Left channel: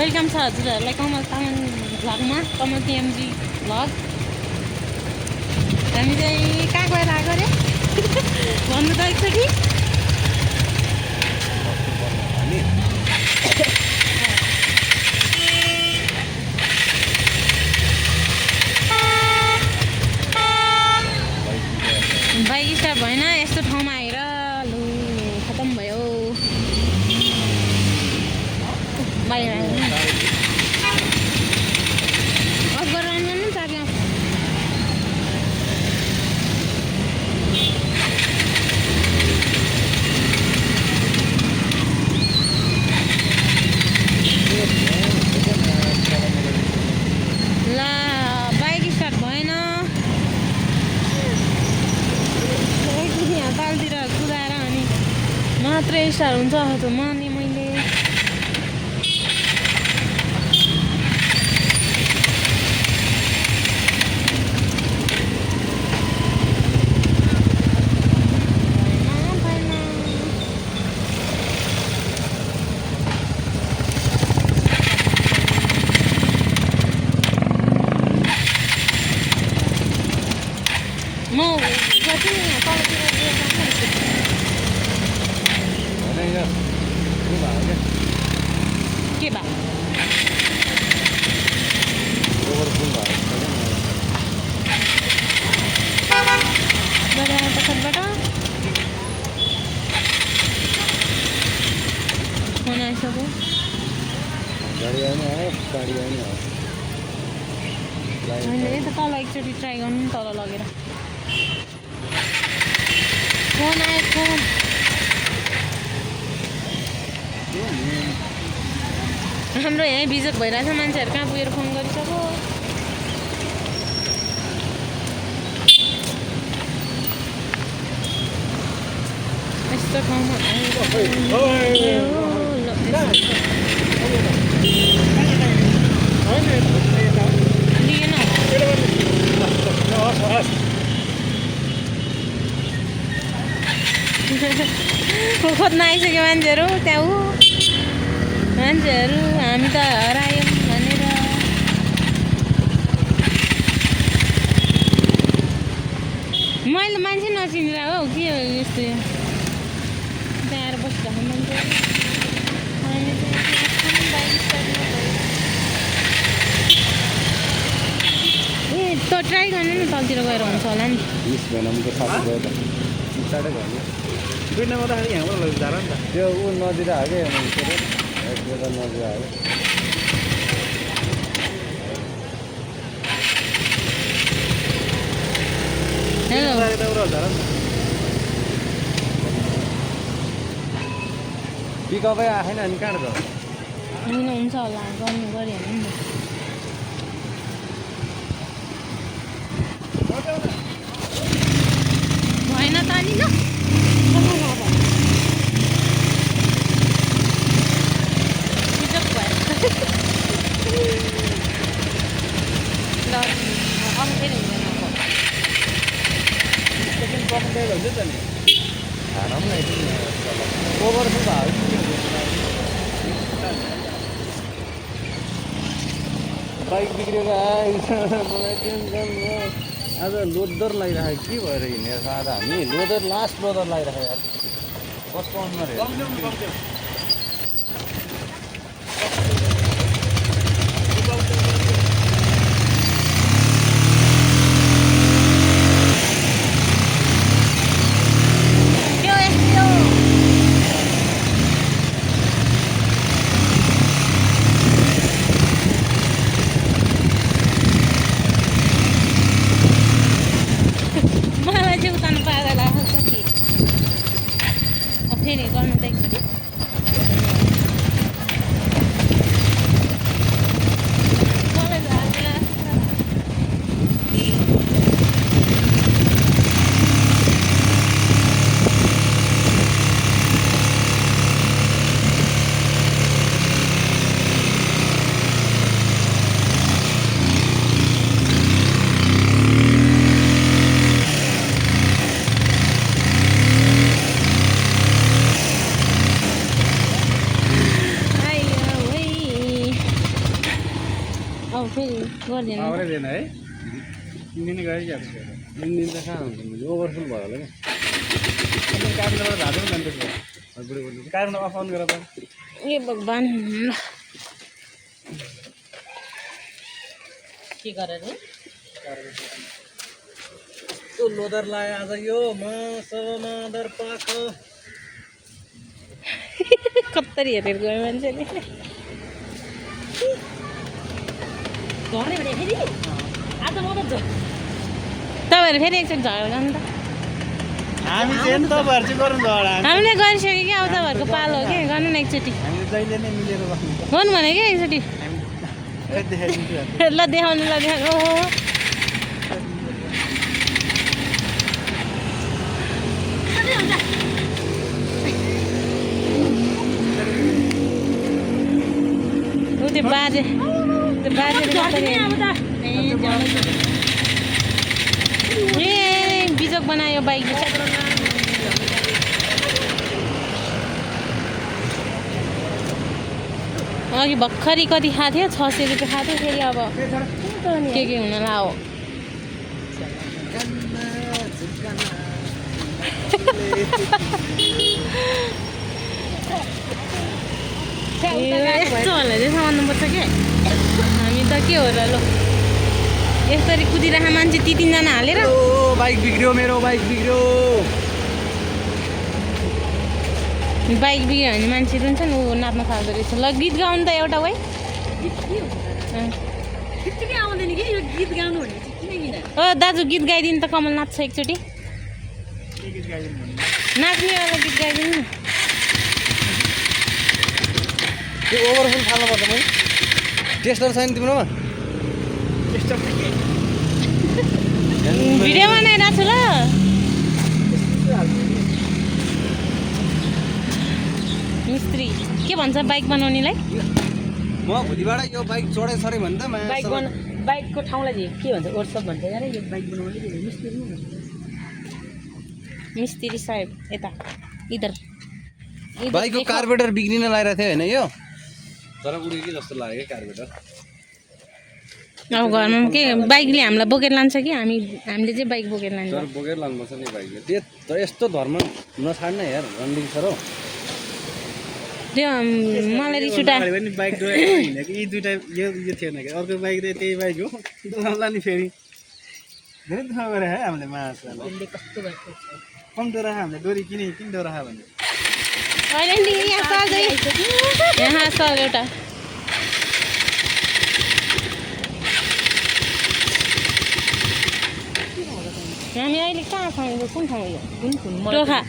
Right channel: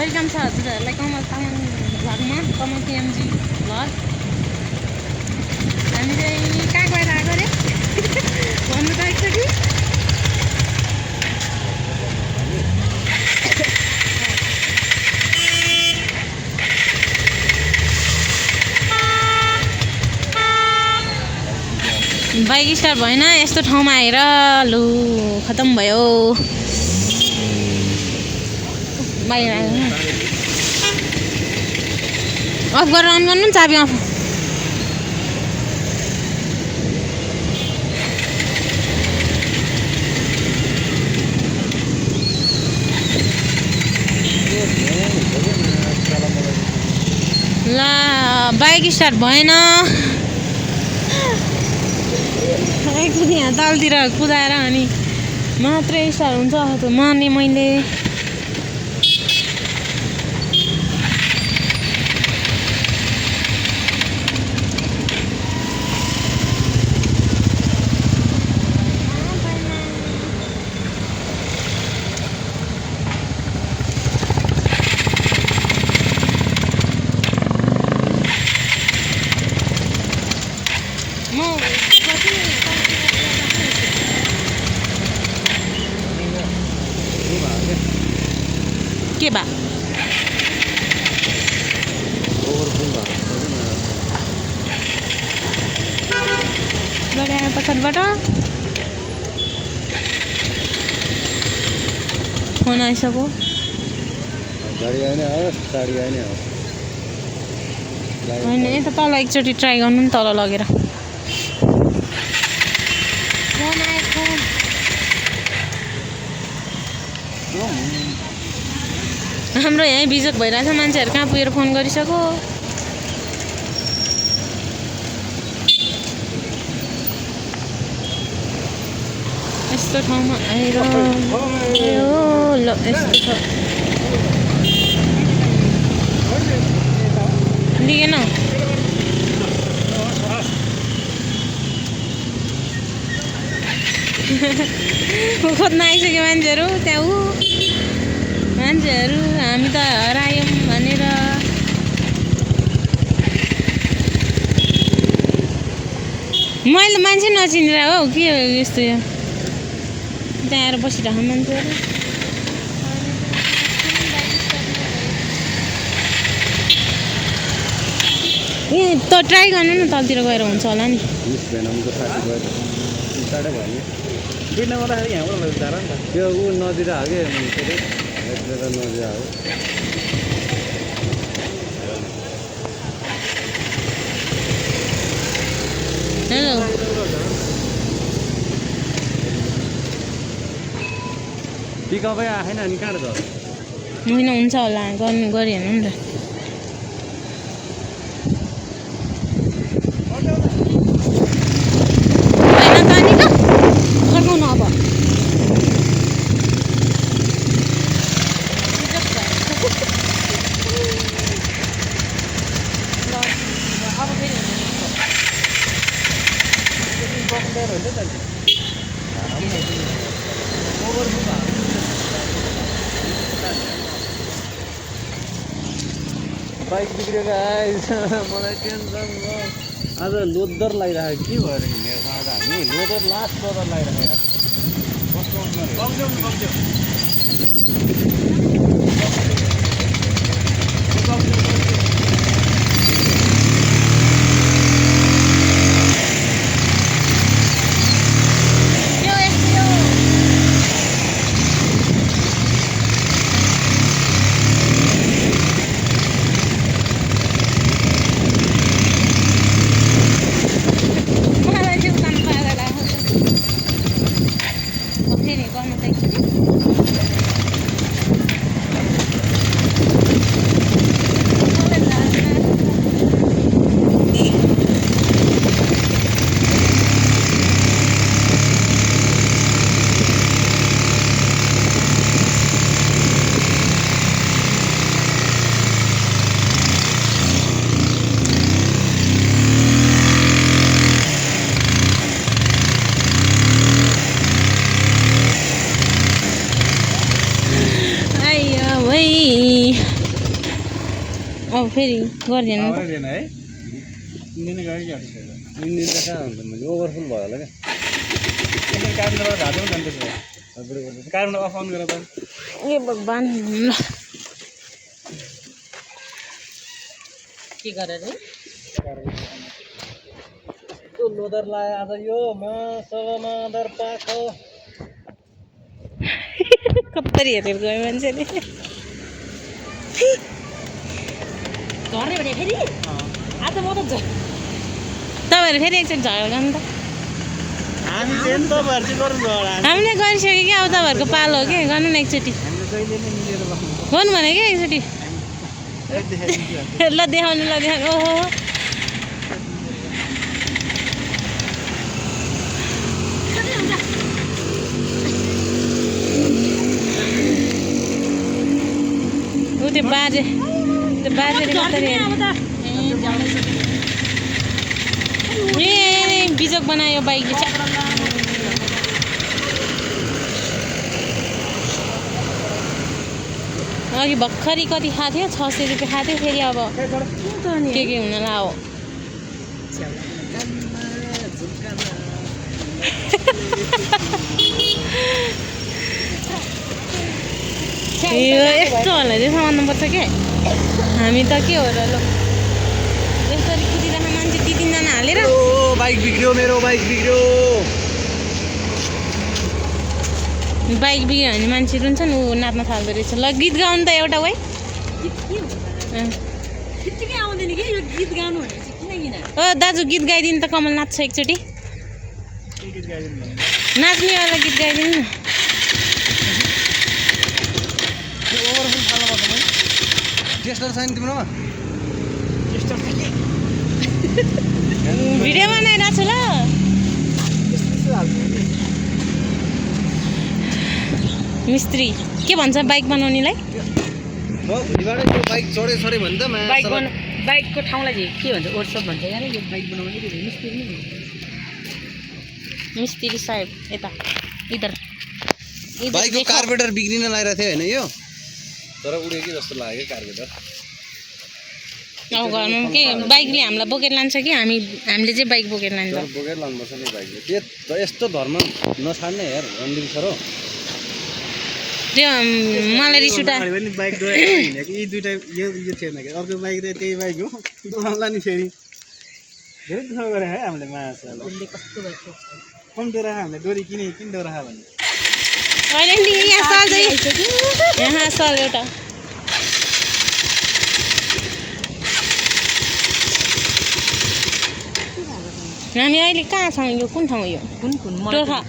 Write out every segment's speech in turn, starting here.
Welcome छ हजुरहरूलाई कमल तामाङ भ्लगमा, कमल PMG vlog. हामी चाहिँ कहाँ गएर आएको अरे भन्नु त एकचोटि। बाइक स्टार्ट भएन, यस्तो ठाउँमा आएर लु खतम भयो। बाहिर अफ गरेर अन गर्नु नि, चाबी अफ। ल बाइक स्टार्ट भएन, तलतिर कुदाएर अनि मात्रै स्टार्ट हुन्छ। माने मैले के बा तखतबाट फोन आइसक्यो। होइन यता तल एकचोटि ट्राई गर्नु नि, तल लगेर। फोन आएको हाम्रो यहीँ बिजोक भइरहेछ, मान्छेहरू कहाँ पुगेर फोन गरिसक्यो। यस्तो ठाउँमा आएर लिएन खोज्न आइसक्यो मान्छेहरू। त्यहाँ मान्छेहरू हामी त हरायौँ भनेर। मैले मान्छे नचिनेर हो के यस्तो, त्यहाँ आएर बसिरहेको मान्छेहरू। ए त ट्राई गर्नु न, तलतिर गएर हुन्छ होला नि। बिर्नामा राखेर यहाँबाट लगेर झार नि त, त्यो ऊ नदिएर हो कि नदिएर हो। पिकअपै आएन अनि कहाँ त होइन हुन्छ होला, गर्नु गरिहाल्नु नि त। बाइक बिग्रेर आएछ, मलाई टेन्सन भयो। आज लोदर लगाइरहेको के भएर हिँडेर आज हामी लोदर लास्ट लोदर लगाइरहेको यार। कस्तो अनुहार फेरि गर्नु त एकचोटि। फेरि गरिदिनु आउनै दिएन है 3 दिन गयो क्या 3 दिन त कहाँ हुन्छ मैले ओभरफुल भयो होला क्या क्यामेरा धार्नु नि अन्त क्यामेरा अफ अन गर त ए भगवान ल के गरेर है कस्तो लोदर लायो आज यो मदर पाख कत्तरी हेरेर गयो मान्छेले तपाईँहरू फेरि एकचोटि झगडा गर्नु त हामी चाहिँ तपाईँहरू चाहिँ गर्नु होला हामीले गरिसक्यो कि अब तपाईँहरूको पालो हो कि गर्नु न एकचोटि हामी जहिले नै मिलेर बस्नु गर्नु भने क्या एकचोटि ल देखाउनु ओहो त्यो बाजेले ए बिजोक बनायो बाइकले अघि भर्खरै कति खाएको थियो 600 रुपियाँ खाएको थियो फेरि अब के हुन लाओ यस्तो होला चाहिँ समाउनुपर्छ के हामी त के हो र ल यसरी कुदिरहेको मान्छे 2-3 जना हालेर बाइक बिग्रियो मेरो बाइक बिग्रियो भने मान्छे रुन्छ नि ऊ नाच्न थाल्दो रहेछ ल गीत गाउनु त एउटा वै ओ दाजु गीत गाइदिनु त कमल नाच्छ एकचोटि नाच्नेवाला गीत गाइदिनु न ओभरफुल फाल्नुपर्छ नि टेस्टर छैन तिम्रोमा टेस्टर भिडियो बनाइरहेको छु ल मिस्त्री के भन्छ बाइक बनाउनेलाई बाइक चढाइ भन्दा बाइकको ठाउँलाई के भन्छ वर्कसप भन्छ यार यो बाइक बनाउने मिस्त्री साहेब यता इधर बाइकको कार्बोरेटर बिग्रिन लागिरहेको थियो होइन यो तर उड्यो कि जस्तो लाग्यो कार्बोरेटर अब घरमा के बाइकले हामीलाई बोकेर लान्छ कि हामीले चाहिँ बाइक बोकेर लान्छ बोकेर लानुपर्छ नि बाइकले त्यो यस्तो धर्म नछाड्ने यार रन्दिङ सर हो त्यो मलाई रिस उठा बाइक हिँडेको यी दुइटा यो थिएन कि अर्को बाइक त त्यही बाइक हो दोकानला नि फेरि धेरै दुःख गरे है हामीले माछा कस्तो बाइक कम डोरा हामीले डोरी किन डोरा भने अहिले यहाँ सल एउटा हामी अहिले कहाँ छौँ यो कुन ठाउँ यो टोखा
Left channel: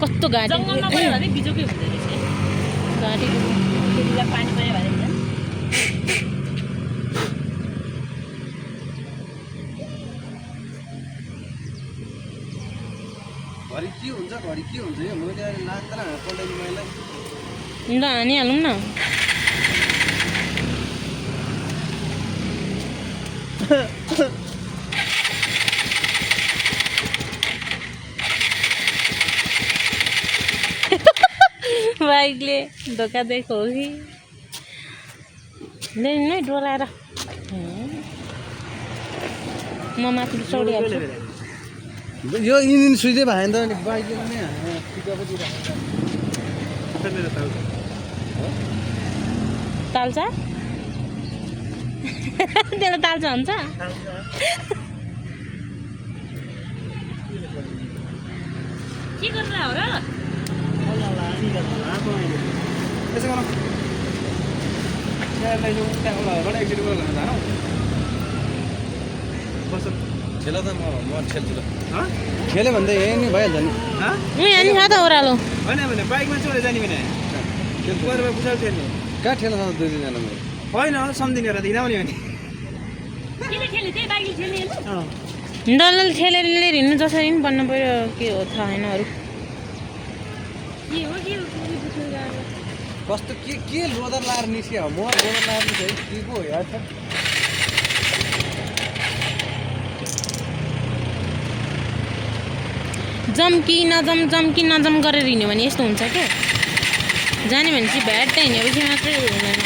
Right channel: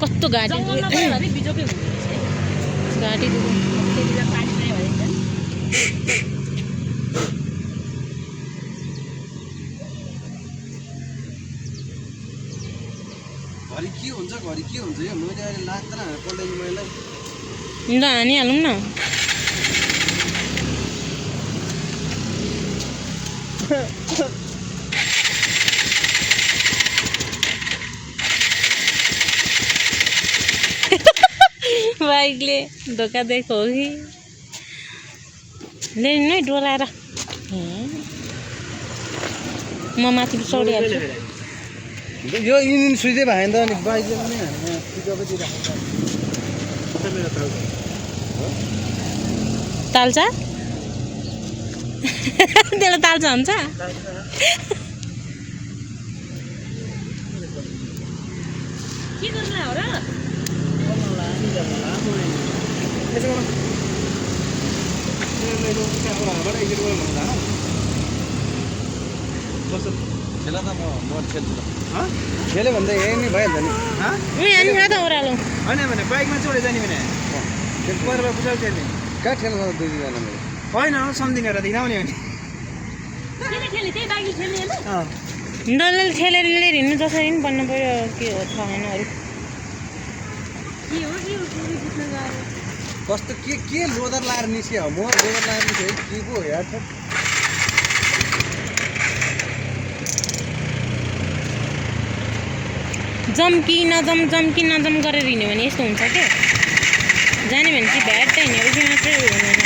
कस्तो घाँटी घाँटी घरि के हुन्छ यो मैले अहिले लाग्दैन पल्टाइदिनु मलाई ल हानिहालौँ न बाइकले धोका दिएको हो कि ल्याउनु नै डोलाएर म माथि चढिहाल्छु यो इन्जिन सुइजै भएन त अनि बाइकले पनि हाल्ने पिकअपतिर ताल्चा त्यसलाई ताल्चा हुन्छ के गरेर हो र खेल्यो भने त यही नै भइहाल्छ नि अनि छ त ओह्रालो होइन भने बाइकमा चढे जाने भने बुझाउँछ नि कहाँ ठेल्नु त 2 जना होइन सम्झिने र दिनाउने भने डल्लै ठेलेर लिएर हिँड्नु जसरी पनि बन्न पऱ्यो के हो थाहा होइन अरू के हो बुझ्नु गाह्रो कस्तो के लोदर लाएर निस्क्यो म लोदर लाएर निस्क्यो के पो हो यार जम्की नजम गरेर हिँड्यो भने यस्तो हुन्छ क्या जाने भने चाहिँ भ्याट हिँडेपछि मात्रै हुँदैन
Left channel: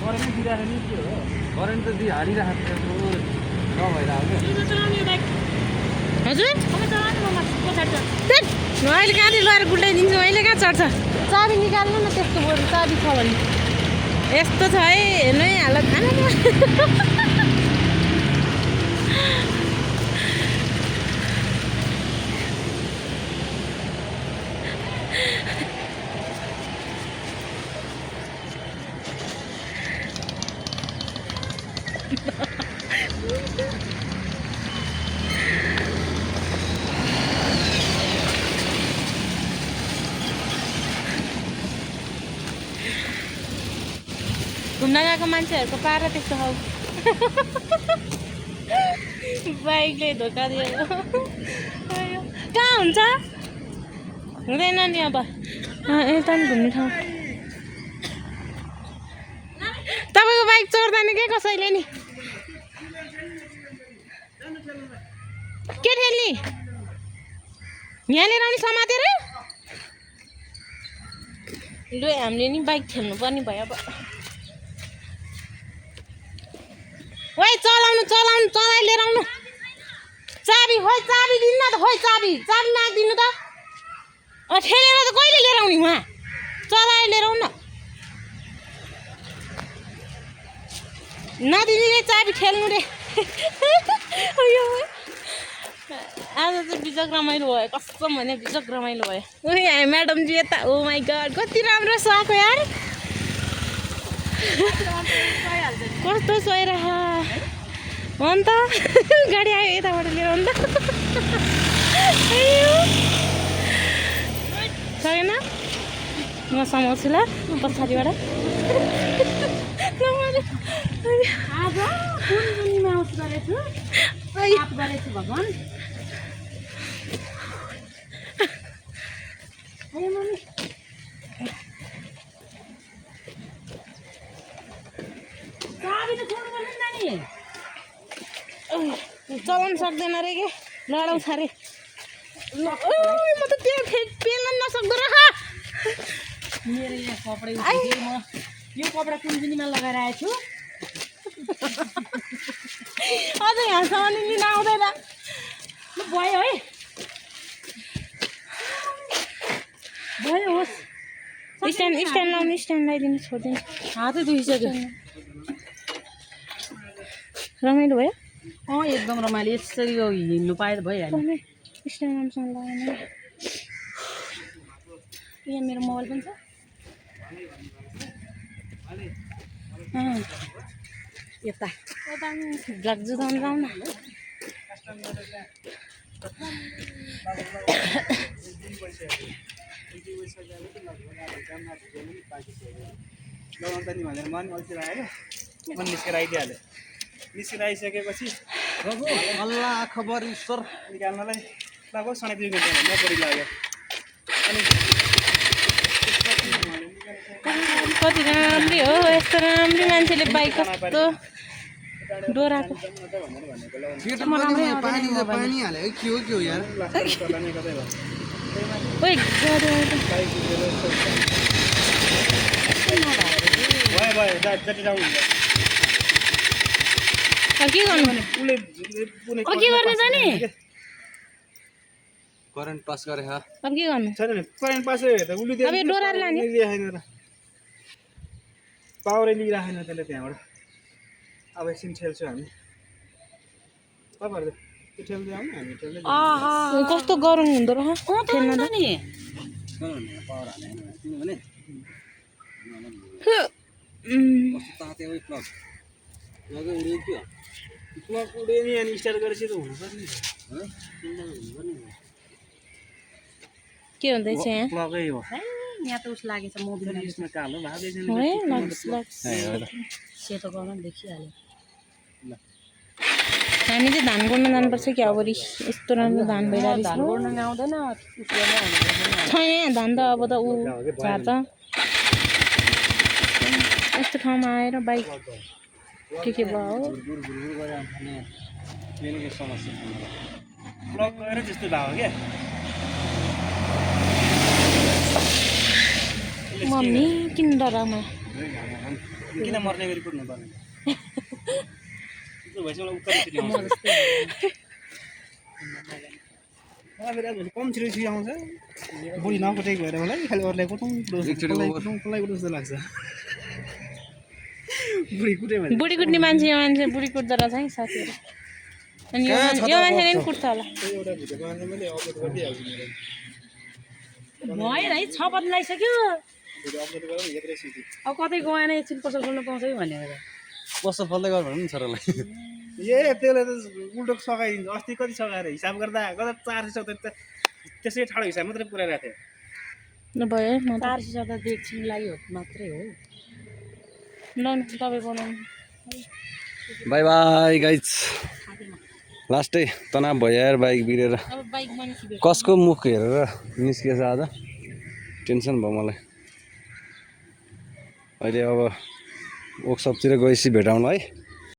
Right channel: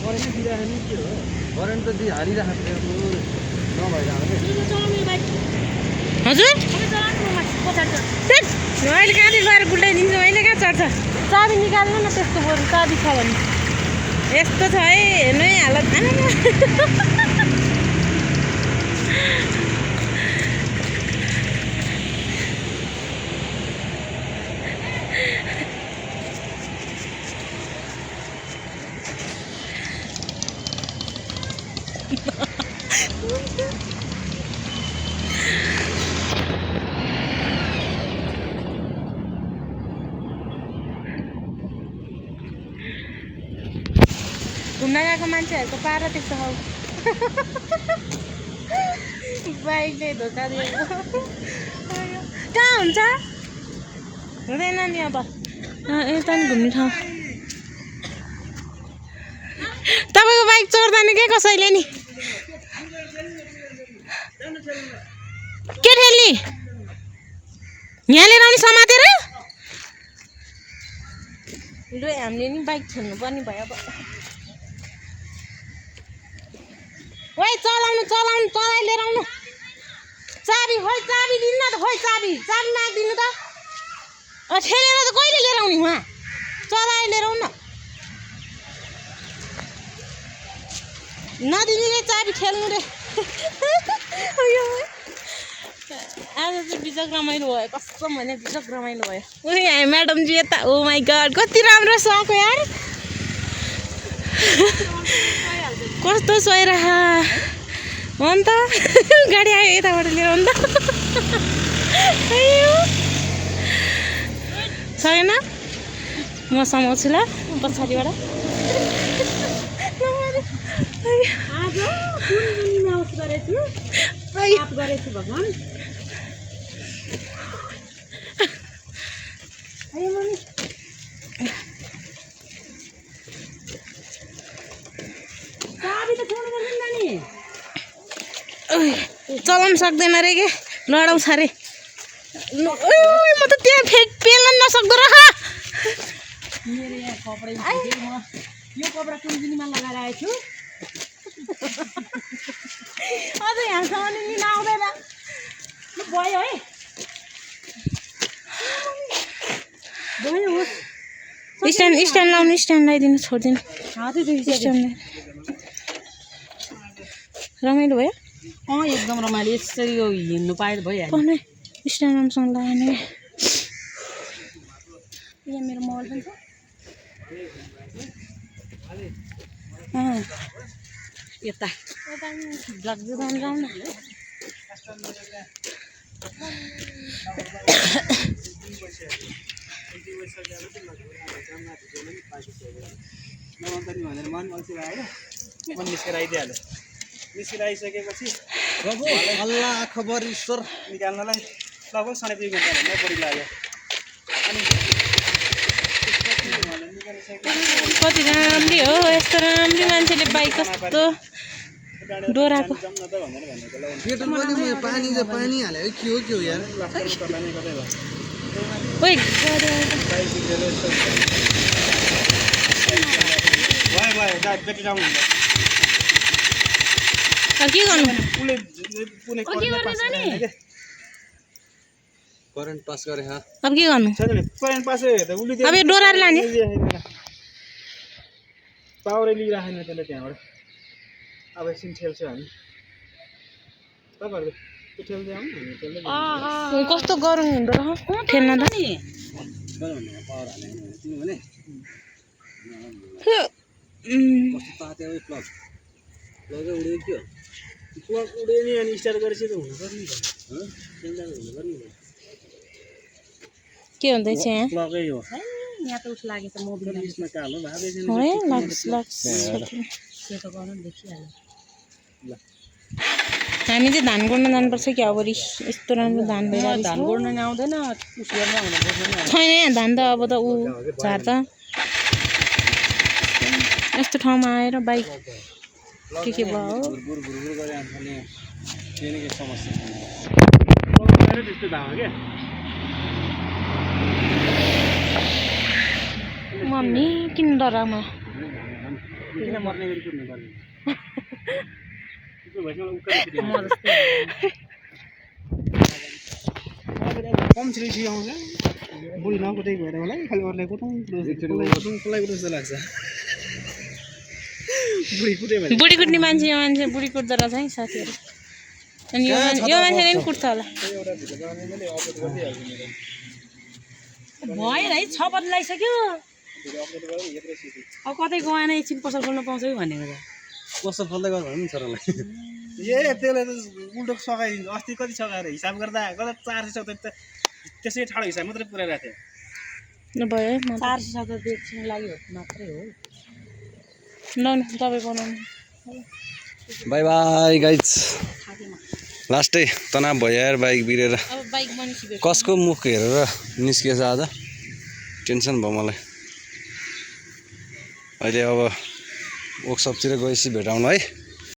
करेन्ट दिइरहेको नि के हो करेन्ट त हालिरहेको नभएर आउने हजुर अहिले कहाँनिर गएर गुल्टाइदिन्छु अहिले कहाँ चढ्छ चाबी निकाल्नु न त्यस्तो बरु चाबी छ भने यस्तो छ है हेर्नु है हालत आना घुम्न गएको मान्छेहरूको पारा त्यस्तो हौ बाइकले धोका दियो कहाँ हुन्छ हुँदैन नि अब यता नि घुम्ने ठाउँ तपाईँको बाइक चढ्दैन के कसैले नि के ठेली यहाँ लिएर आउने समातेर लु हामीले नि बाइक खेल्नु पर्ने भयो अब ओइ चलाउनु चलाइ लिएर आउनु चाबी खोइ चाबी दिनु न त खोइ चाबी मागिदिनु त ठेलेर त कहिले लिएर आउने उहाँ चलाइ लिएर आउनु नदिने रे चाबी खेल्नु रे आज चाहिँ बिजक रमाइलो भयो कसम भने बिजक रमाइलो भयो उही हामी म्याडमजी यता ओ माई गड कति राम्रो सक यार कस्तो सोइरह हो नि त गाडी आयो यताबाट लिएर हो नि त छैन म समाउँछु ल पछाडिबाट भगवान् चलाउनु सक्दैन रे के लडाउँछ अरे म त त्यहाँ पेल्न नसक्दो रह मेरो यहाँ कपडा यो कपडा कुन्जुनीमा लगाएर आएको छु अझ यहाँसम्म लिन आउँदैन भयो है भयो होस् स्ट्यान्ड लाउनु स्ट्यान्ड लगाइदिनु छोडिदिनु रमाइलो भयो एकदम रमाइलो यसरी हिँड्नु पाए भइहाल्यो स्ट्यान्ड राम्रोसँग लगाएन यहाँ मेरो मोबाइल पनि छ यता जुदाउनु जाउँ न निस्केर आइदिइहाल्यो निस्केर आइसकेपछि अल्लाह खबर ईश्वर निकाल्नलाई लगभग 2.5 घन्टा भन्दा बढी लाग्यो अनि कति राम्री हो यस्तो राम्री मान्छेले बाइक कस्तो डोराको पानी हाल्यो के हो यार ओइ के गर्नु करेन्ट पास गरे अब के गर्नु करेन्ट पास अब यो डोराले लाने पावरै लिइराखेन त्यसले त्यहाँबाट अब एकछिन ठेल्छौँ हामी तपाईँहरू त्यो ठेल्दै आउनु हामी ठेल्दै कस्तो गरौँ हुँदो रहेछ ठेल्न त नि पावर हालेन किनभने कस्तो ताते हो प्लग प्लगै उड्यो के हो प्लग उड्यो नि अनि स्टार्ट गरेपछि त हुनुपर्ने के हुँदैछ यहाँ प्लगै हो यहाँ त उस लागेछ मोबिल यसमा कालो भागै छैन है लक्स सेतो गर्न देखिहाल्यो ल हामी चाहिँ धान गोड्न जानुपर्छ कि अबरी यस्तो राम्रो धान भइरहेको धान छ गोड्न नि आउँदैन उस गर्न आउँदैन छैन यहाँ धान त अब त ऊ झार्छ यस्तो ठाउँमा आएर बाइक के भयो हो गुरगुर गरे अनि केही न केही समस्या छ जस्तो भएको क्या मम्मी किन डरामा किन मर्ने गरी कुद्नु पर्ने त्यो भएपछि मलाई कम छिटो छिटो आउँछ बुढी नकुटेक भएर मलाई खालि अरूलाई कुटाउँ जस्तो लाग्छ बुढी कुट्यो भने बुढी कुट्ने मान्छे बुढी कुट्दो रहेछ है साथीहरू अनि यो मान्छेले पनि कुट्छ होला भयो है 6 बजे लगाइसक्यो अब कतै गएन एकछिन पसल खोल्न पाउँछ कि भनेर कस्तो फल्दै गर्नु नि छोरालाई ए त्यसले त उल्टो सघाइदिन्छ अस्ति कति सघाएर हिसाब गर्दा 400 त त्यसै ठाडो हिसाब मात्रै पुऱ्याइरहेको थियो भयो है म 400 त एकछिन लागि हो मात्रै हो ल तपाईँ बनाउनु बाई बाई गाइज लास्टै तनाव भयो यार बाइक बिरेर अब बाइक बनिसक्यो कसको मुख हेरेर निस्किएछ आज टेन्सन भयो मलाई अहिले अब वर्कसपतिर गएपछि भेटौँला है